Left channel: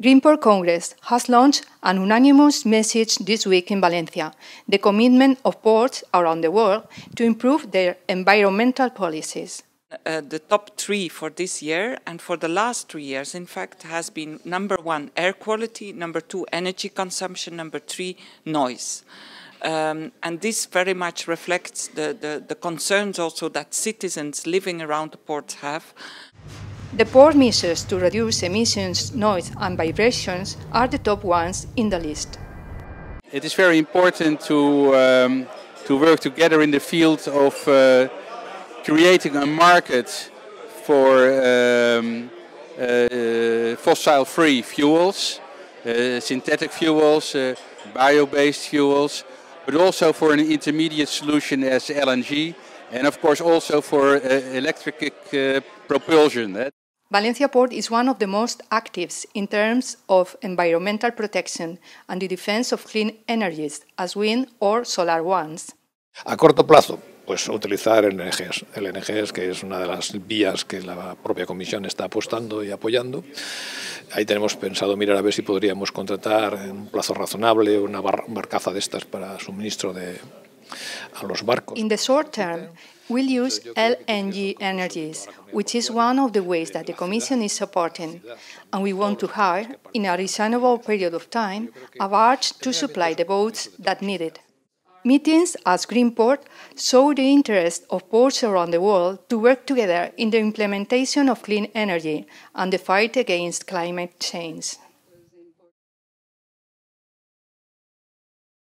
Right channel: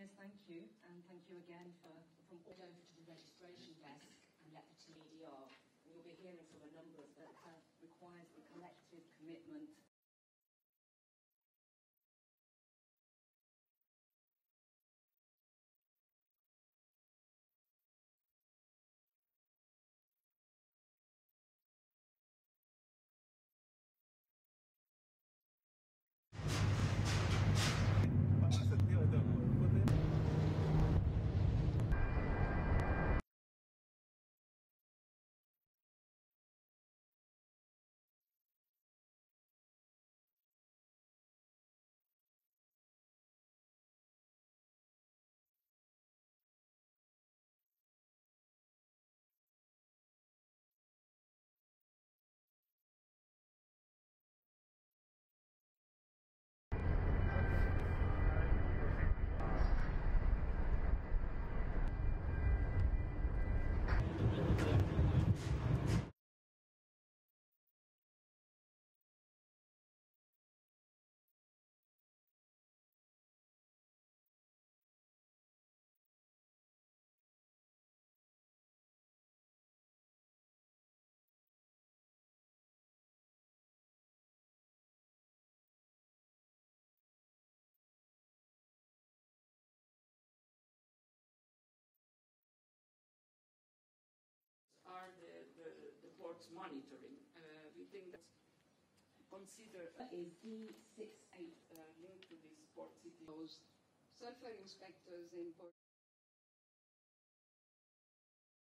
Greenport Congress has launched an unanimous message this week in Valencia, the commitment of ports around the world to improve their environmental policies. The top three for this year and for the last 3 years, in fact, has been number 1, air quality, number 2, energy consumption, number 3, noise. And this very much reflects the concerns also that citizens living around the ports have. The port measures to reduce emissions, noise and vibrations are the top ones in the list. It is very important to work together in the field of creating a market for fossil-free fuels, synthetic fuels, bio-based fuels, but also for an intermediate solution as LNG, and of course also for electric propulsion. Valencia Port is one of the most active in terms of environmental protection and the defense of clean energies, as wind or solar ones. A corto plazo, pues utilizar LNGs, que es una de las vías que la propia Comisión está apostando y apoyando. Ahí tenemos pensado mirar a ver si podríamos contratar en un plazo razonable una barcaza de estas para suministro a los barcos. In the short term, we'll use LNG energies, which is one of the ways that the Commission is supporting, and we want to hire, in a reasonable period of time, a barge to supply the boats that need it. Meetings as Greenport show the interest of ports around the world to work together in the implementation of clean energy and the fight against climate change.